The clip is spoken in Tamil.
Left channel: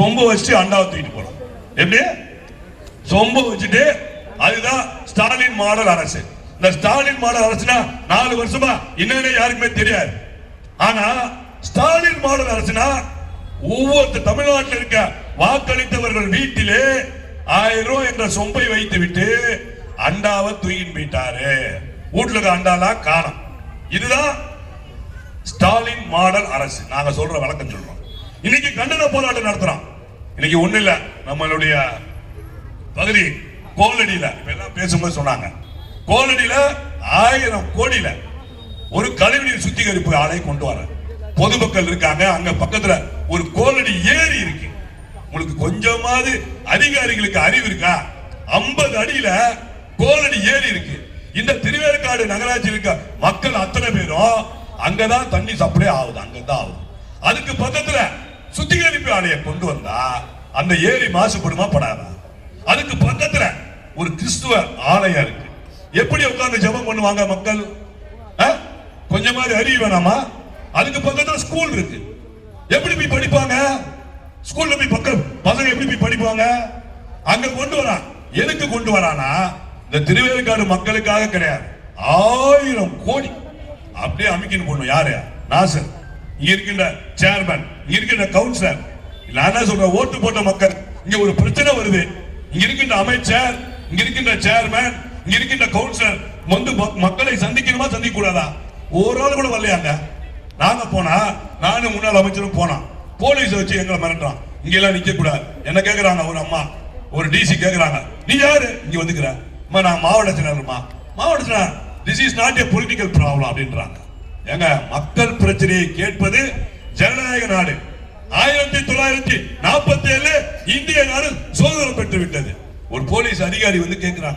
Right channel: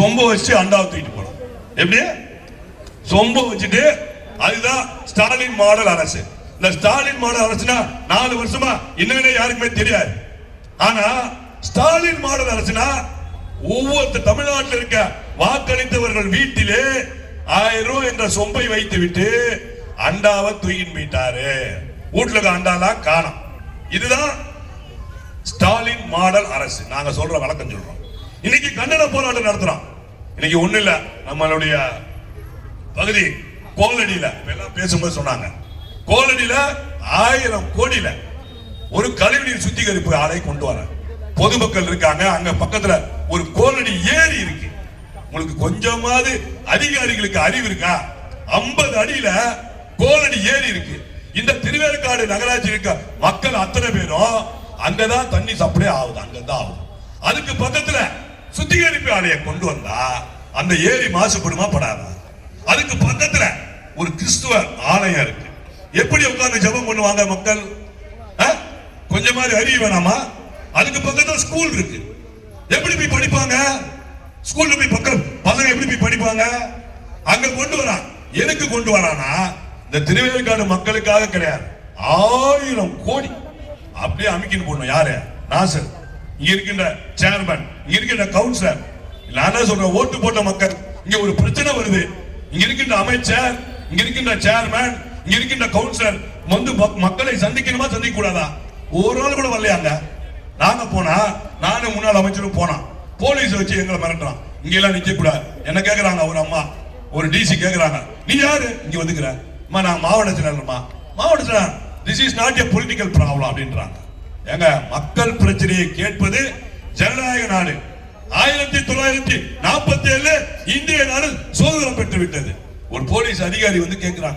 சொம்பு வச்சு அண்டாவை தூக்கிட்டு போனோம். எப்படி? சொம்பு வச்சுட்டு அதுதான் ஸ்டாலின் மாடல் அரசு. இந்த ஸ்டாலின் மாடல் அரசுனா நாலு வருஷமா என்னன்னு யாருக்குமே தெரியாது. ஆனா ஸ்டாலின் மாடல் அரசுனா ஒவ்வொரு தமிழ்நாட்டில் இருக்க வாக்களித்தவர்கள் வீட்டிலே ஆயிரம் ரூபாய் என்ற சொம்பை வைத்து விட்டு அண்டாவை தூக்கிட்டு போயிட்டாரு. வீட்டுல இருக்க அண்டாலாம் காணும். இதுதான் ஸ்டாலின் மாடல் அரசு. நாங்க சொல்ற வழக்கம் சொல்றோம். இன்னைக்கு கண்டன போராட்டம் நடத்துறோம். இன்னைக்கு ஒண்ணு இல்ல நம்மளுடைய பகுதி கோலடியில இதெல்லாம் எல்லாம் பேசும்போது சொன்னாங்க. கோலடியில ஆயிரம் கோடியில ஒரு கழிவுநீர் சுத்திகரிப்பு ஆலை கொண்டு வர. பொதுமக்கள் இருக்காங்க அங்க பக்கத்துல ஒரு கோலடி ஏரி இருக்கு. உங்களுக்கு கொஞ்சமாவது அதிகாரிகளுக்கு அறிவு இருக்கா? 50 அடியில கோலடி ஏரி இருக்கு. இந்த திருவேற்காடு நகராட்சி இருக்க மக்கள் அத்தனை பேரும் அங்கதான் தண்ணி சப்ளை ஆகுது அங்கதான் ஆகுது. அதுக்கு பக்கத்துல சுத்திகரிப்பு ஆலையை கொண்டு வந்தா அந்த ஏரி மாசுபடுமா படாதா? அதுக்கு பக்கத்துல ஒரு கிறிஸ்துவ ஆலயம் இருக்கு. எப்படி உட்கார்ந்து ஜெபம் பண்ணுவாங்க மக்கள்? ஆ? மாதிரி அறிவு வேணாமா? அதுக்கு பக்கத்துல ஸ்கூல் இருக்கு. எப்படி போய் படிப்பாங்க? ஸ்கூல்ல போய் பக்கம் பசங்க எப்படி போய் படிப்பாங்க? அங்க கொண்டு வரான் எதுக்கு கொண்டு வரானா இந்த திருவேற்காடு மக்களுக்காக கிடையாது. ஆயிரம் கோடி. அப்படியே அமைக்கின்னு போடணும் யாரு? நாசர் இருக்கின்ற சேர்மன் இருக்கின்ற கவுன்சிலர் நான் என்ன சொல்றேன் ஓட்டு போட்ட மக்கள் இங்க ஒரு பிரச்சனை வருது. இங்க இருக்கின்ற அமைச்சர் இங்க இருக்கின்ற சேர்மன் இங்க இருக்கின்ற கவுன்சிலர் வந்து மக்- மக்களை சந்திக்கணுமா சந்திக்க கூடாதா ஒரு ஆள் கூட வரலையாங்க. நாங்க போனா நானும் முன்னாள் அமைச்சரும் போனோம் போலீஸ் வச்சு எங்களை மிரட்டுறான். இங்க எல்லாம் நிக்க கூடாது என்ன கேக்குறாங்க ஒரு அம்மா? ஒரு டிசி கேக்குறாங்க. நீ யாரு? இங்க வந்துக்கிற. அம்மா நான் மாவட்ட செயலாளர்மா மாவட்ட செயலாளர் this is not a political problem அப்படின்றாங்க. ஏங்க மக்கள் பிரச்சனையை கேட்பது ஜனநாயக நாடு. ஆயிரத்தி தொள்ளாயிரத்தி நாற்பத்தி ஏழு இந்திய நாடு சுதந்திரம் பெற்று விட்டது. ஒரு போலீஸ் அதிகாரி வந்து கேட்கிறாங்க.